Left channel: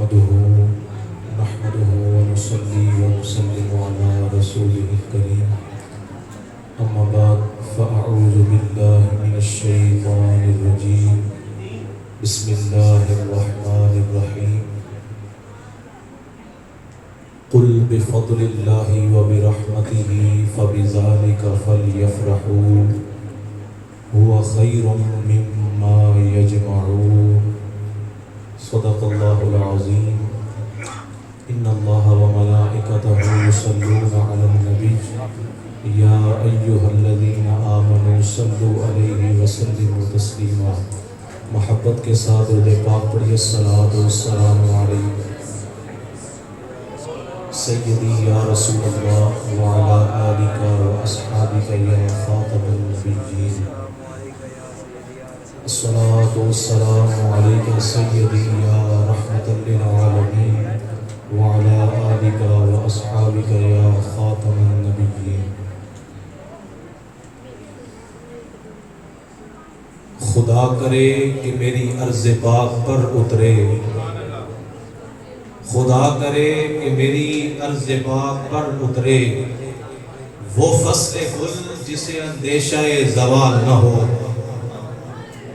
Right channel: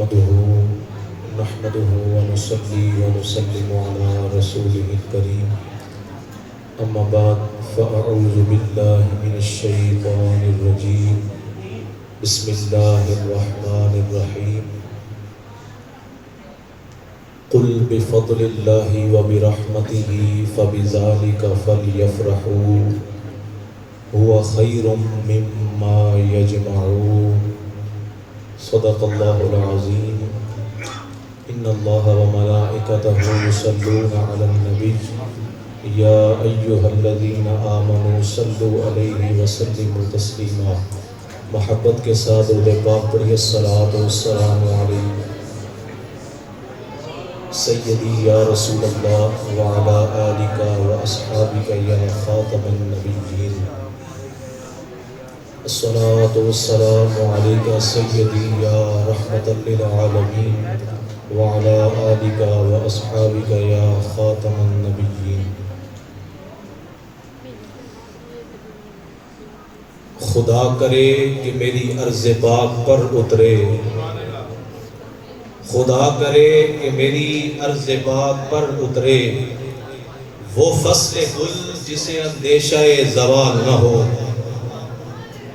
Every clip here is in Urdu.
نحمده ونصلي ونسلم على رسوله الكريم أما بعد فأعوذ بالله من الشيطان الرجيم بسم الله الرحمن الرحيم قل بفضل الله وبرحمته فبذلك فليفرحوا هو خير مما يجمعون صدق الله العظيم إن الله وملائكته يصلون على النبي يا أيها الذين آمنوا صلوا عليه وسلموا تسليما محبت کے ساتھ درود پاک پڑھیے الصلاۃ والسلام علیک سیدی یا رسول اللہ وعلی آلک واصحابک یا خاتم النبیین الصلاۃ والسلام علیک سیدی یا رحمۃ للعالمین وعلی آلک واصحابک یا خاتم النبیین خدا کرے کہ میری عرض پاک پر اترے خدا کرے کہ میری عرض پاک پر اترے وہ فصل گل جسے اندیشہ زوال نہ ہو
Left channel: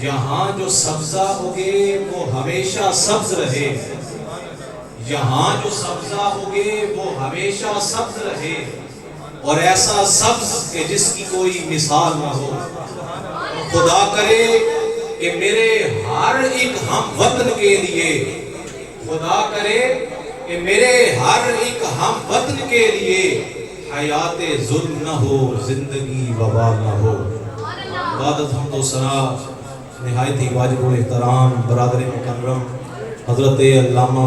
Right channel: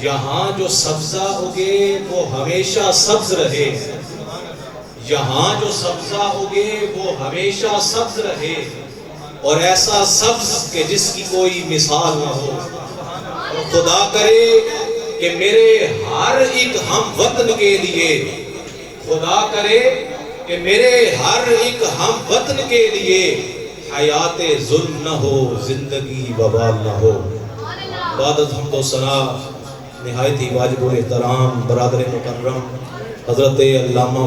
یہاں جو سبزہ اگے وہ ہمیشہ سبز رہے یہاں جو سبزہ اگے وہ ہمیشہ سبز رہے اور ایسا سبز کہ جس کی کوئی مثال نہ ہو خدا کرے کہ میرے ہر ایک ہم وطن کے لیے خدا کرے کہ میرے ہر ایک ہم وطن کے لیے حیات ظلم نہ ہو زندگی وبال نہ ہو عبادت حمد و ثنا نہایت ہی واجب الاحترام برادر مکرم حضرت علامہ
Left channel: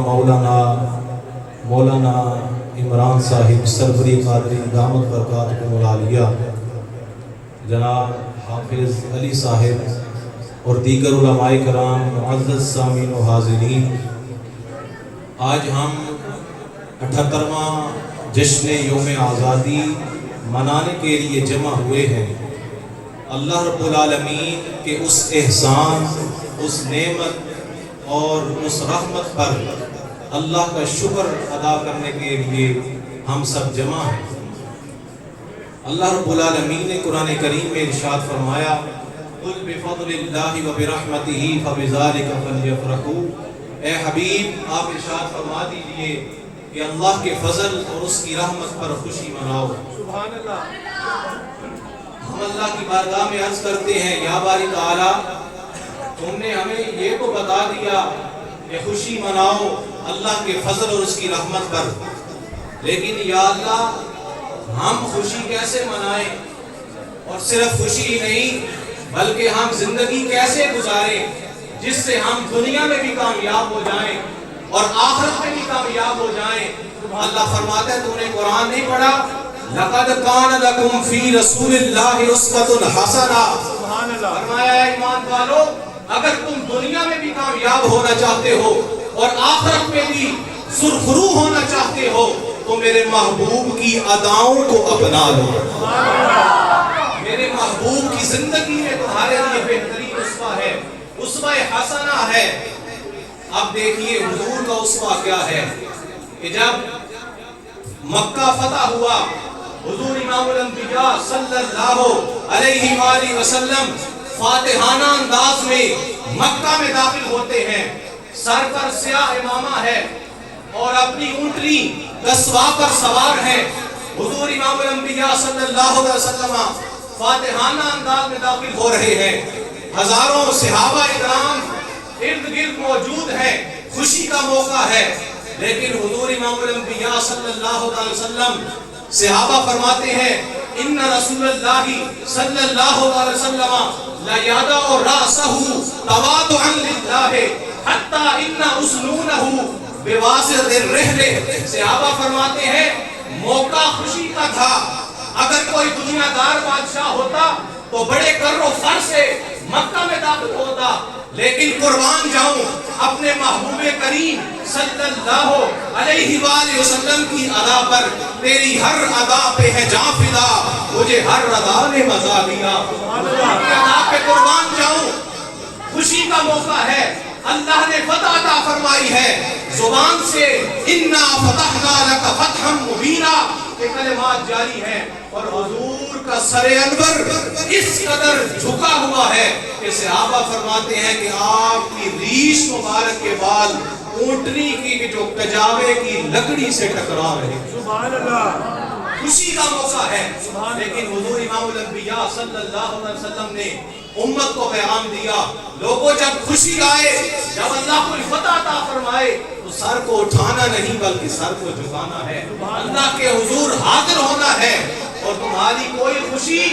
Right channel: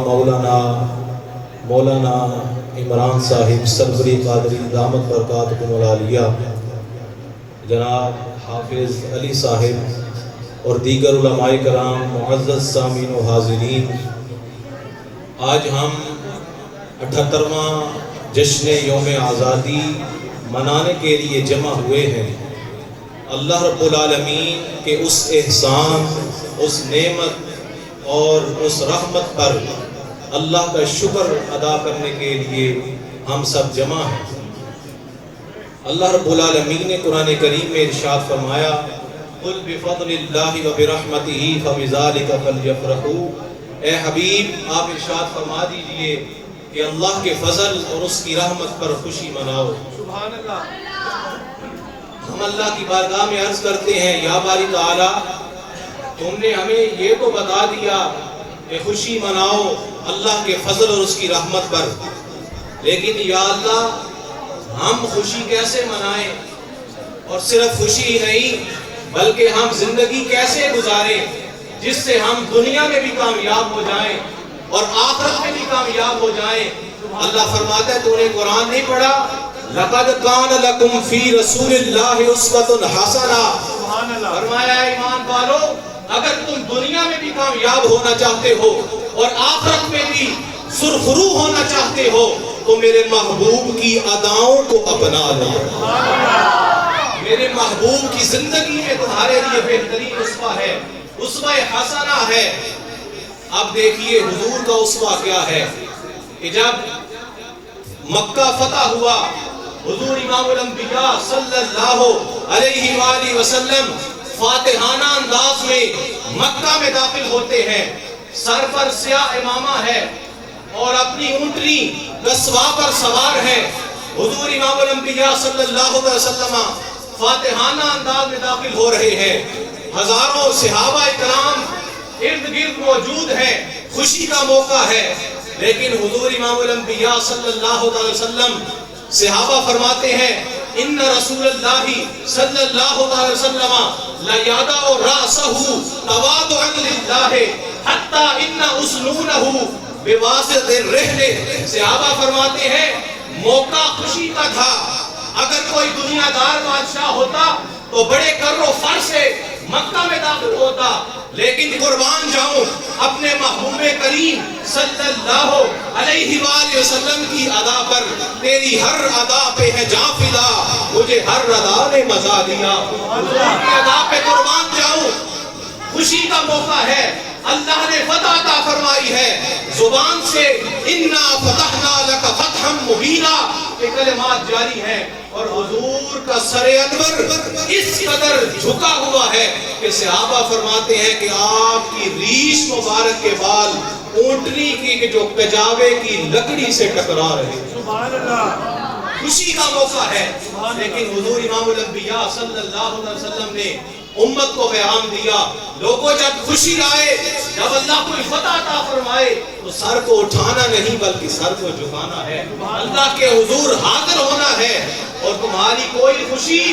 مولانا عمران صاحب سربری قادری دامت برکاتکم العالیہ جناب حافظ علی صاحب اور دیگر علماء کرام معزز سامعین و حاضرین آج ہم 78واں جشن یوم آزادی منانے کے لیے جمع ہوئے ہیں اللہ رب العالمین کے اس احسان اس نعمت اور اس رحمت پر اللہ کا شکر ادا کرنے کے لیے ہم سب جمع ہیں اللہ رب العالمین نے قرآن کریم میں ارشاد فرمایا قل بفضل اللہ وبرحمتہ فبذلک فلیفرحوا اے حبیب آپ ارشاد فرما دیجئے کہ اللہ کے فضل اور اس کی رحمت پر خوشی مناؤ سبحان اللہ ہم اللہ کی بارگاہ میں عرض کرتے ہیں یا باری تعالی تم نے ہمیں یہ تو بتا دیا کہ خوشی مناؤ اللہ کے فضل اور اس کی رحمت پر لیکن یا اللہ ہم خوشی کیسے منائیں اور صرف خوشی ہی نہیں بلکہ ہم زندگی کیسے گزاریں جس سے ہم دنیا میں بھی کامیاب ہو جائیں اور آخرت میں بھی کامیاب ہو جائیں اللہ فرماتا ہے تو نے قرآن نہیں پڑھا لَقَدْ كَانَ لَكُمْ فِي رَسُولِ اللَّهِ أُسْوَةٌ حَسَنَةٌ فرمایا ایمان والو اگر تم دنیا میں بھی کامیاب ہونا چاہتے ہو اور آخرت میں بھی سرخرو ہونا چاہتے ہو تو میرے محبوب کی اداؤں کو اپنا لو میرے محبوب کی زندگی میں تمہارے لیے بہترین اسوہ ہے اسوہ حسنہ ہے اب دیکھیے حضور کا اسوہ کیا ہے کہ جب مکہ فتح ہوا حضور امام الانبیاء صلی اللہ علیہ وآلہ وسلم فاتحانہ انداز میں مکہ میں داخل ہوتے ہیں سر پر سیاہ امامہ ہے اور اپنی اونٹنی قصواء پر سوار ہے حضور امام الانبیاء صلی اللہ علیہ وسلم فاتحانہ انداز میں داخل ہو رہے ہیں ہزاروں صحابہ اکرام ارد گرد موجود ہیں خوشی کا موقع ہے لیکن حضور امام الانبیاء صلی اللہ علیہ وسلم صحابہ فرماتے ہیں ان رسول اللہ صلی اللہ علیہ وسلم لیادع رأسہ تواضعا للہ حتی ان اسنونہ بواسط الرحل صحابہ فرماتے ہیں موقع خوشی کا تھا اگر کوئی دنیا دار بادشاہ ہوتا تو بڑے کر و فر سے مکہ میں داخل ہوتا لیکن قربان جاؤں اپنے محبوب کریم صلی اللہ علیہ وآلہ وسلم کی ادا پر تیری ہر ادا پہ ہے جاں فدا مجھے ہر ادا نے مزا دیا ادا پہ قربان جاؤں خوشی کا موقع ہے اللہ نے فتح عطا فرمائی ہے زبان سے انا فتحنا لک فتحا مبینا یہ کلمات جاری ہیں، اور حضور کا سر انور اس قدر جھکا ہوا ہے کہ صحابہ فرماتے ہیں کہ آپ کی ریش مبارک کے بال اونٹنی کی جو کجاوے کی لکڑی سے ٹکرا رہے ہیں۔ سبحان اللہ۔ خوشی کا موقع ہے، لیکن حضور امام الانبیاء صلی اللہ علیہ وسلم نے امت کو پیغام دیا، لوگوں جب خوشی آئے، جب اللہ کوئی فتح عطا فرمائے تو سر کو اٹھانا نہیں بلکہ سر کو جھکانا ہے، اللہ کے حضور حاضر ہونا ہے، اور تمہاری کوئی خوشی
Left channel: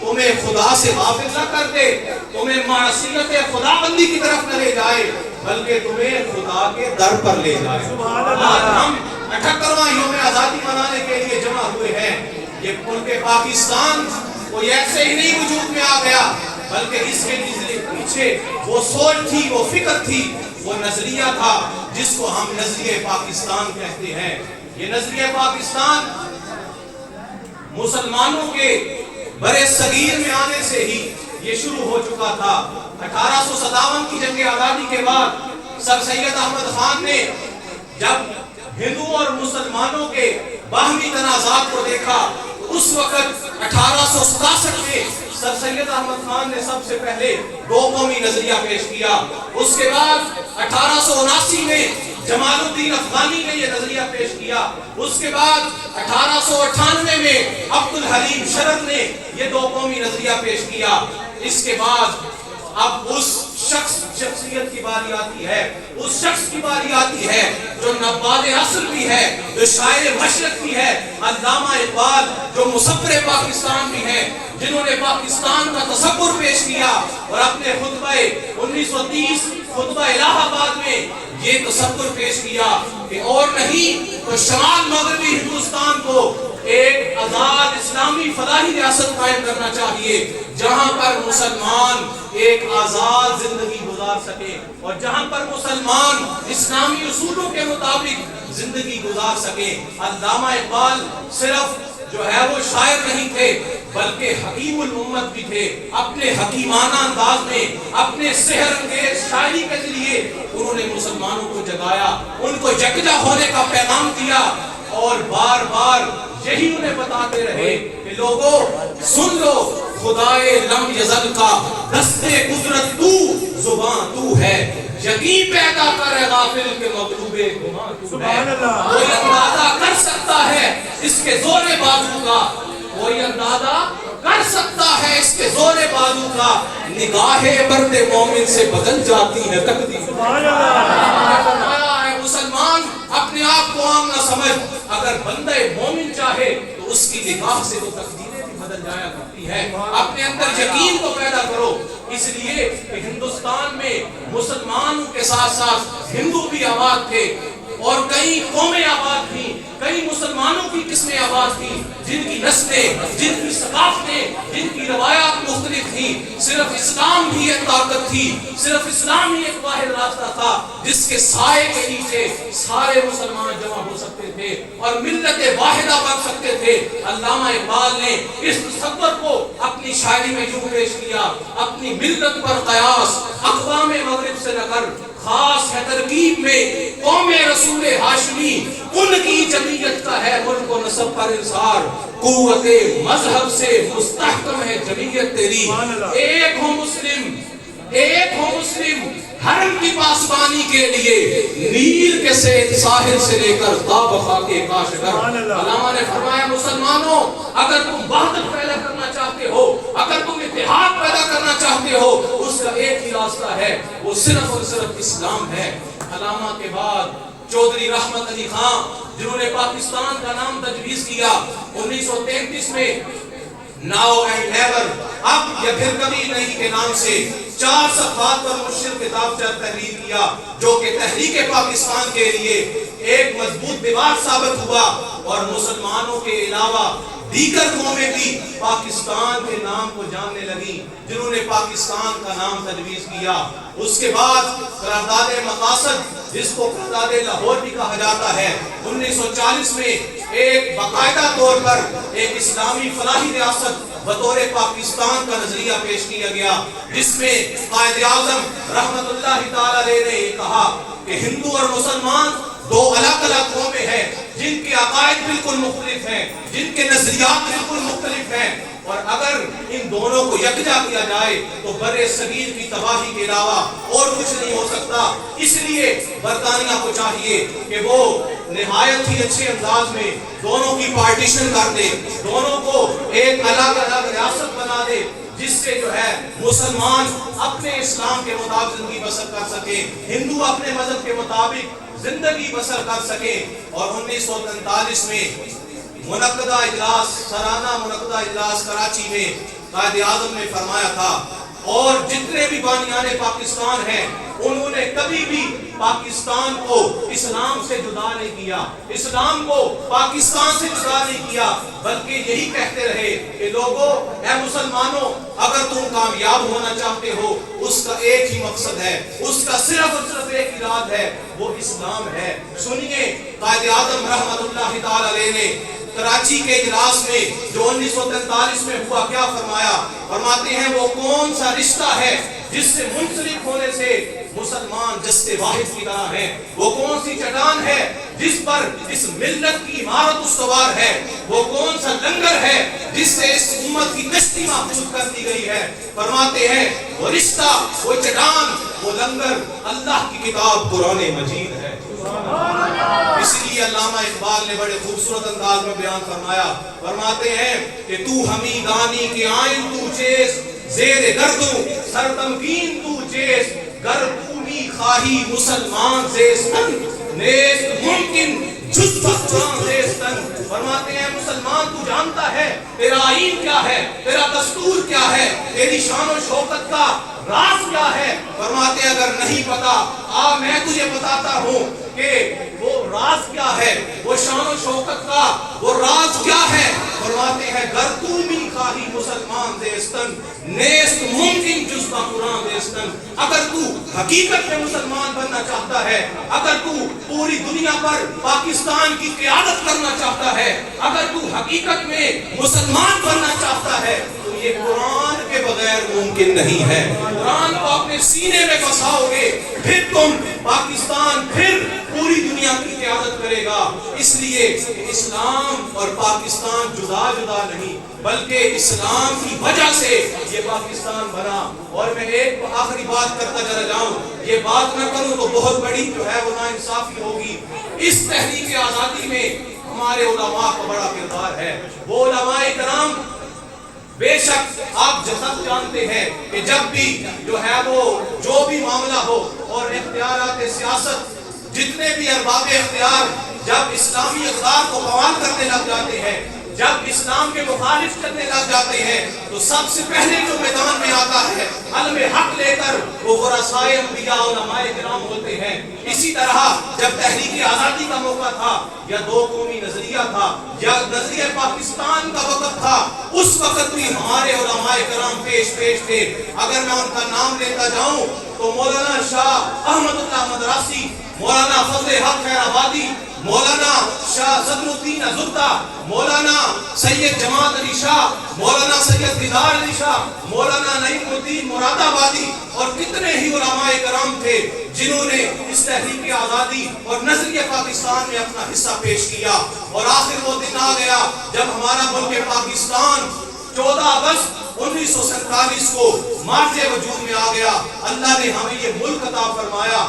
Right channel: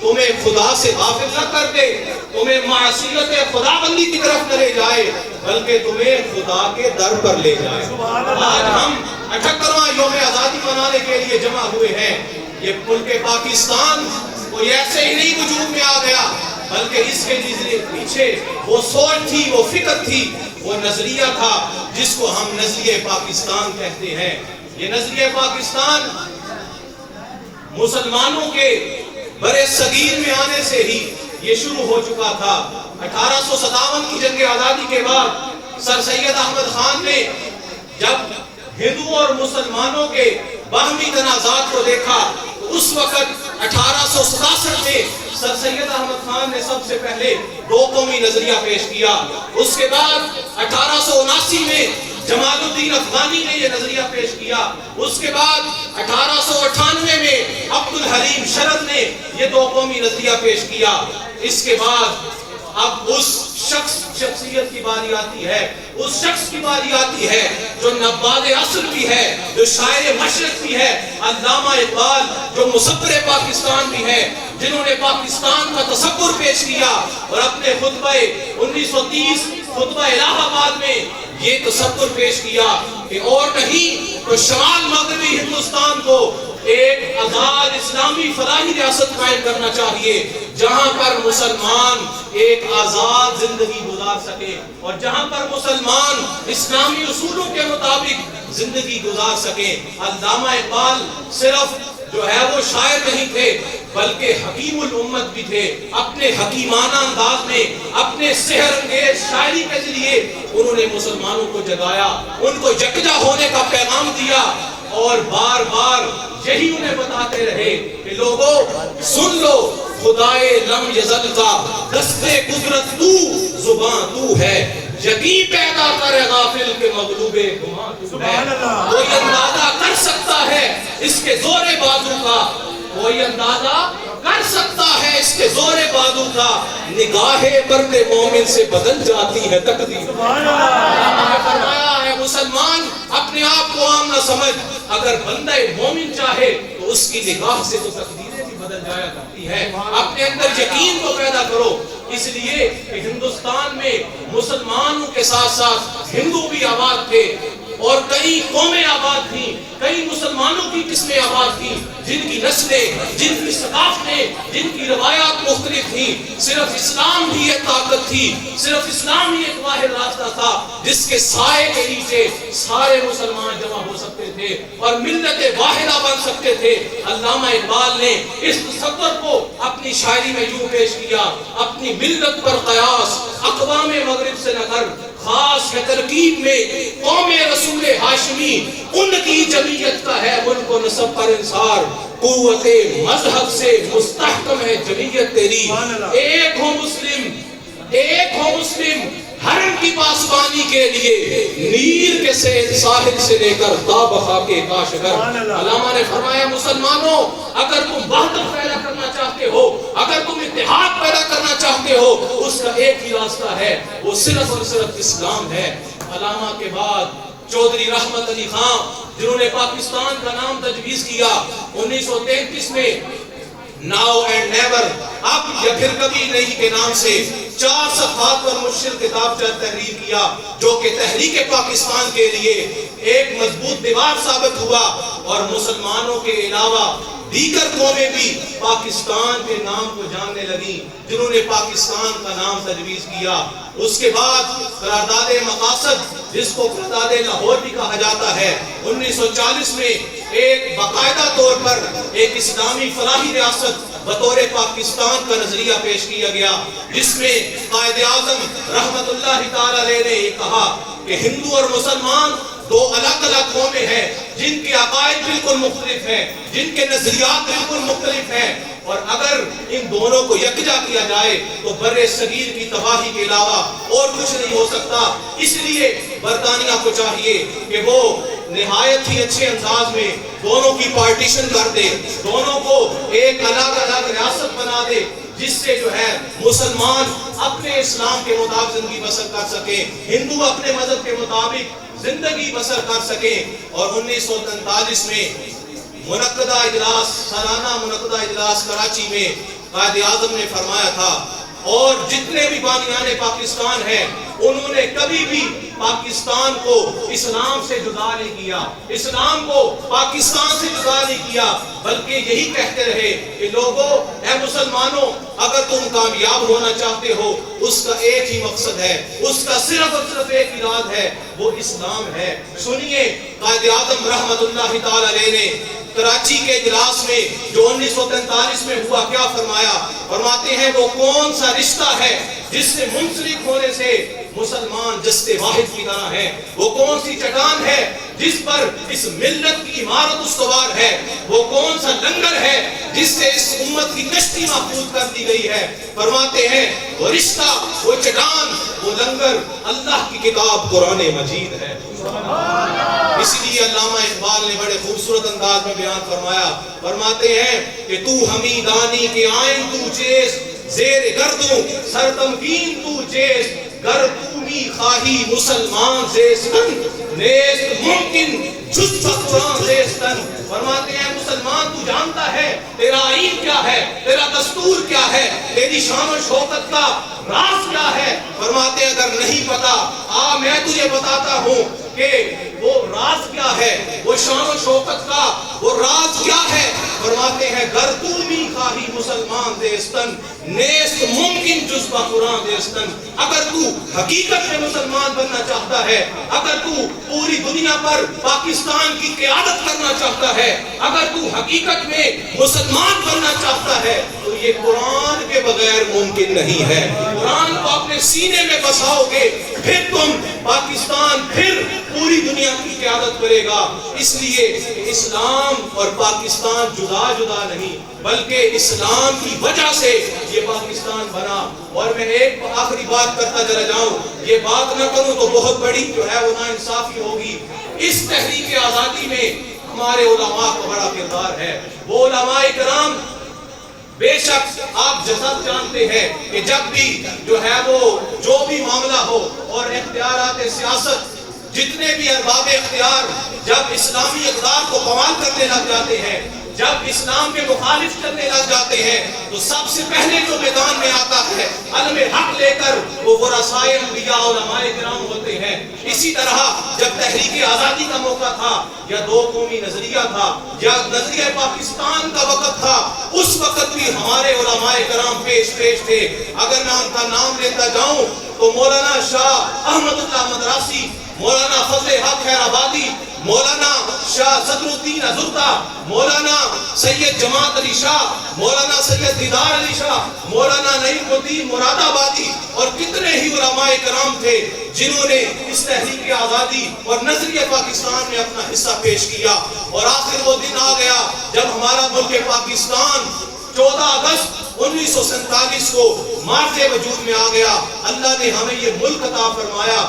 تمہیں خدا سے غافل نہ کر دے، تمہیں معصیت خدا بندی کی طرف نہ لے جائے، بلکہ تمہیں خدا کے در پر لے جائے۔ آج ہم 78واں یوم آزادی منانے کے لیے جمع ہوئے ہیں۔ یہ ملک پاکستان کوئی ایسے ہی نہیں وجود میں آ گیا، بلکہ اس کے پیچھے وہ سوچ تھی، وہ فکر تھی، وہ نظریہ تھا جس کو ہم نظریہ پاکستان کہتے ہیں۔ یہ نظریہ پاکستان مسلمانوں کے برے صغیر میں آنے سے ہی یہ شروع ہو چکا تھا۔ 1857 کی جنگ آزادی کے بعد سر سید احمد خان نے جب ہندو اور مسلمانوں کے باہمی تنازعات کو دیکھا تو اس وقت 1867 میں سر سید احمد خان نے سب سے پہلے دو قومی نظریہ پیش کیا۔ اس کے بعد 1879 میں جمال الدین افغانی نے یہ نظریہ پیش کیا۔ اس کے بعد 1898 میں عبدالحلیم شرد نے یہ دو قومی نظریہ پیش کیا۔ اس کے بعد اب اس شخصیت کی باری آتی ہے، اس شخص کی باری آتی ہے جو نباد عصر بھی ہے، جو شاعر مشرق بھی ہے، علامہ اقبال، جو مصور پاکستان بھی ہے، جنہوں نے پاکستان کا تصور پیش کیا اور اپنے خطبہ 1930 خطبہ الہ آباد میں یہ تصور پیش کیا کہ اور نہیں تو شمال مغربی ہندوستان کو ایک آزاد اسلامی فلاحی ریاست قائم کرنا چاہیے، جہاں پر مسلمان ایک آزاد زندگی گزار سکے اور جہاں پر مسلمان اسلامی اصولوں کے مطابق زندگی گزار سکے۔ علامہ اقبال صرف جو ہے وہ شاعر نہیں تھے بلکہ حکیم الامت بھی تھے۔ اپنے حکیمانہ انداز میں، اپنے سحر انگیز شاعری کے ذریعے انہوں نے مسلمانوں کو جگایا، ان کو یکجا ہونے کا پیغام دیا، اور بار بار یہی انہیں بتاتے رہے کہ لوگوں سن لو، خدائے لم یزل کا دستے قدرت تو، زبان تو ہے، یقین پیدا کرے غافل کے مغلوب گمان تو ہے۔ کوئی اندازہ کر سکتا ہے اس کے زور بازو کا، کوئی اندازہ کر سکتا ہے اس کے زور بازو کا، نگاہ مرد مومن سے بدل جاتی ہے تقدیر۔ سبحان اللہ۔ فرمایا ہے مسلمان اپنے آپ کو عام نہ سمجھ، اگر بندہ مومن چاہے تو اس کی نگاہ سے تو تقدیریں بھی بدل جایا کرتی ہے۔ اپنے اندر یقین کو پیدا کرو، اس لیے کہ ہندوستان میں مسلمانوں کے ساتھ ساتھ ہندو بھی آباد تھے، اور کئی قومیں آباد تھیں، کئی مسلمانوں کی قسمیں آباد تھیں، جن کی نسلیں، جن کی ثقافتیں، جن کی روایات مختلف تھیں۔ صرف اسلام ہی ایک طاقت تھی، صرف اسلام ہی ایک واحد راستہ تھا جس کے سائے کے نیچے سارے مسلمان جمع ہو سکتے تھے اور ملت واحدہ بن سکتے تھے۔ علامہ اقبال نے اس تصور کو اپنی شاعری میں یوں پیش کیا: اپنی ملت پر قیاس اقوام مغرب سے نہ کر، خاص ہے ترکیب میں قوم رسول ہاشمی، ان کی جمعیت کا ہے ملک و نسب پر انصار، قوت مذہب سے مستحکم ہے جمعیت تیری، ایک ہو مسلم، ایک ہو مسلم، حرم کی پاسبانی کے لیے نیل کے ساحل سے لے کر تابخا کے کاشگر۔ علامہ نے فرمایا مسلمانوں اگر تم وحدت پیدا کرنا چاہتے ہو، اگر تم اتحاد پیدا کرنا چاہتے ہو، اس کا ایک ہی راستہ ہے، وہ صرف اور صرف اسلام ہے۔ علامہ کے بعد چودھری رحمت علی خان، جنہوں نے پاکستان کا نام تجویز کیا 1933 میں، ناؤ اینڈ نیور، اب یا پھر کبھی نہیں کے نام سے 4 صفحات پر مشکل کتاب تحریر کیا، جو کہ تحریک پاکستان کے لیے ایک مضبوط دیوار ثابت ہوا، اور مسلمانوں کے علاوہ دیگر قومیں بھی پاکستان کے نام کو جاننے لگیں، جنہوں نے پاکستان کا نام تجویز کیا۔ اس کے بعد قرارداد مقاصد، جس کو قرارداد لاہور بھی کہا جاتا ہے، 1940 میں ایک باقاعدہ طور پر ایک اسلامی فلاحی ریاست بطور پاکستان کا نظریہ پیش کیا گیا، جس میں قائد اعظم رحمت اللہ تعالی علیہ نے یہ کہا کہ ہندو اور مسلمان دو الگ الگ قومیں ہیں جن کے عقائد بالکل مختلف ہیں، جن کے نظریات بالکل مختلف ہیں، اور اگر ان دونوں کو یکجا کیا جائے تو برِ صغیر کی تباہی کے علاوہ اور کچھ نہیں ہو سکتا۔ اس لیے برطانیہ کو چاہیے کہ وہ نہایت ہی اچھے انداز میں دونوں کی پارٹیشن کر دے، دونوں کو ایک الگ الگ ریاست بنا دے، جس سے جو ہے مسلمان اپنے اسلام کے مطابق زندگی بسر کر سکے، ہندو اپنے مذہب کے مطابق زندگی بسر کر سکے۔ اور 1943 میں منعقدہ اجلاس، سالانہ منعقدہ اجلاس کراچی میں قائد اعظم نے فرمایا تھا، اور جتنے بھی بانیان پاکستان ہیں انہوں نے کبھی بھی پاکستان کو اسلام سے جدا نہیں کیا، اسلام کو پاکستان سے جدا نہیں کیا، بلکہ یہی کہتے رہے کہ لوگو، اے مسلمانوں، اگر تم کامیاب ہونا چاہتے ہو اس کا ایک ہی مقصد ہے، اس کا صرف اور صرف ایک اراد ہے، وہ اسلام ہے۔ سنیے قائد اعظم رحمت اللہ تعالی علیہ نے کراچی کے اجلاس میں جو 1943 میں ہوا کیا فرمایا؟ فرماتے ہیں وہ کون سا رشتہ ہے جس سے منسلک ہونے سے مسلمان جستے واحد کی طرح ہیں، وہ کون سی چٹان ہے جس پر اس ملت کی عمارت استوار ہے، وہ کون سا لنگر ہے جس سے اس امت کی کشتی محفوظ کر دی گئی ہے؟ فرماتے ہیں وہ رشتہ، وہ چٹان، وہ لنگر اللہ کی کتاب قرآن مجید ہے۔ اسی لیے علامہ اقبال نے بڑے خوبصورت انداز میں بیان فرمایا، فرماتے ہیں کہ تو ہمیں دانی کے آئین تو چیز، زیر گردوں سر تمکین تو چیز، گر تومی خواہی مسلمان زیستن، نیست ممکن جز قرآن زیستن۔ فرماتے ہیں مسلمان تو جانتا ہے تیرا آئین کیا ہے، تیرا دستور کیا ہے، تیری شان و شوکت کا راز کیا ہے۔ فرماتے ہیں اگر نہیں پتا میں تجھے بتاتا ہوں کہ وہ راز کیا ہے، وہ شان و شوکت کا وہ راز کیا ہے۔ فرماتے ہیں گر تومی خواہی مسلمان زیستن، نیست ممکن جز قرآن زیستن۔ اگر تو حقیقت میں مسلمان بننا چاہتا ہے، اگر تو پوری دنیا پر پاکستان کی قیادت کرنا چاہتا ہے، اگر تو حقیقت میں مسلمان بننا چاہتا ہے تو یہ قرآن کے بغیر ممکن نہیں ہے۔ قرآن کو اپنے سینے میں بساؤ گے، پھر تم پاکستان، پھر پوری دنیا کی قیادت کرے گا۔ اس لیے اسلام اور پاکستان جدا جدا نہیں، بلکہ اسلام کی وجہ سے یہ پاکستان بنا۔ اور میں ایک آخری بات کرتا چلا جاؤں، یہ بات نہ کروں تو بہت بڑی جو ہے وہ ناانصافی ہوگی۔ اس تحریک آزادی میں ہمارے علماء کا بڑا کردار ہے۔ وہ علماء کرام بے شک آپ جسد جانتے ہیں کہ جب بھی جو ہے وہ جو بھی معاملہ ہو اور اختیارات سیاست، جتنے بھی ارباب اختیار جب اسلامی اقدار کو بوال کرنے لگ جاتے ہیں، جب اسلام کے مخالف چلنے لگ جاتے ہیں، تو سب سے پہلے جو میدان میں آتا ہے علم حق لے کر وہ ورثائے انبیاء علماء کرام ہوتے ہیں۔ اسی طرح جب تحریک آزادی کا موقع تھا، یا دو قومی نظریہ تھا، یا نظریہ پاکستان کا وقت تھا، اس وقت بھی ہمارے علماء کرام پیش تھے۔ اگر میں ان کا نام لیتا جاؤں تو مولانا شاہ احمد اللہ مدراسی، مولانا فضل حق خیر آبادی، مولانا شاہ صدر الدین ازردہ، مولانا سید جماعت علی شاہ، مولانا سید دیدار علی شاہ، مولانا نعیم الدین مراد آبادی، اور کتنے ہی علماء کرام تھے جنہوں نے اس تحریک آزادی اور نظریہ پاکستان میں اپنا حصہ پیش کیا۔ اور آخر وہ دن آ گیا جب ہمارا ملک پاکستان 14 اگست 1947 کو مارز وجود میں آ گیا۔ اللہ نے ہمیں یہ ملک عطا فرمایا،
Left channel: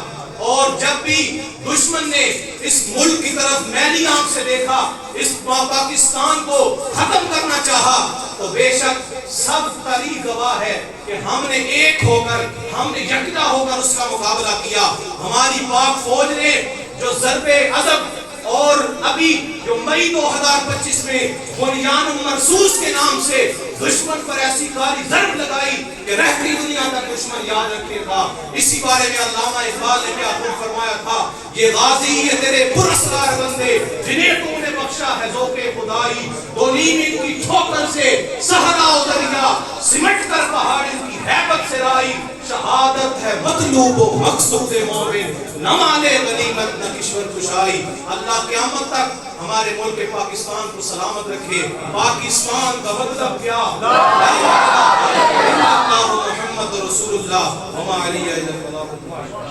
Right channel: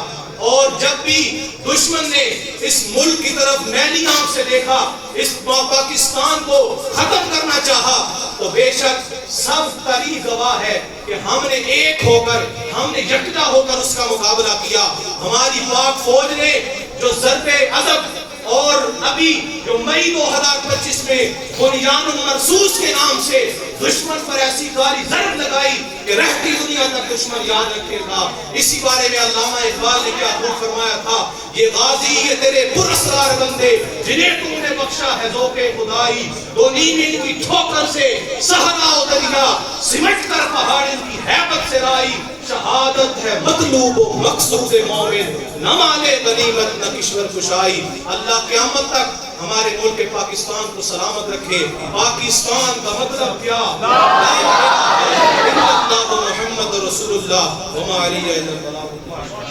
اور جب بھی دشمن نے اس ملک کی طرف میلی آنکھ سے دیکھا، اس پاکستان کو ختم کرنا چاہا، تو بے شک سب تاریخ گواہ ہے کہ ہم نے ایک ہو کر، ہم نے یکجا ہو کر اس کا مقابلہ کیا۔ ہماری پاک فوج نے جو ضرب عضب اور ابھی جو مئی 2025 میں بنیان مرصوص کے نام سے دشمن پر ایسی کاری ضرب لگائی کہ رہتی دنیا تک دشمن یاد رکھے گا۔ اسی بارے میں علامہ اقبال نے کیا خوب فرمایا تھا، یہ غازی یہ تیرے پراسرار بندے جنہیں تو نے بخشا ہے ذوق خدائی، دو نیم ان کی ٹھوکر سے صحرا و دریا سمٹ کر پہاڑ ان کی ہیبت سے رائی، شہادت ہے مطلوب و مقصود مومن، نہ مانے غنیمت نہ کشور کشائی۔ اللہ قیامت تک ہمارے ملک پاکستان کو سلامت رکھے۔ پاکستان کا مطلب کیا؟ لا الہ الا اللہ محمد رسول اللہ وما علیہ الا البلاغ۔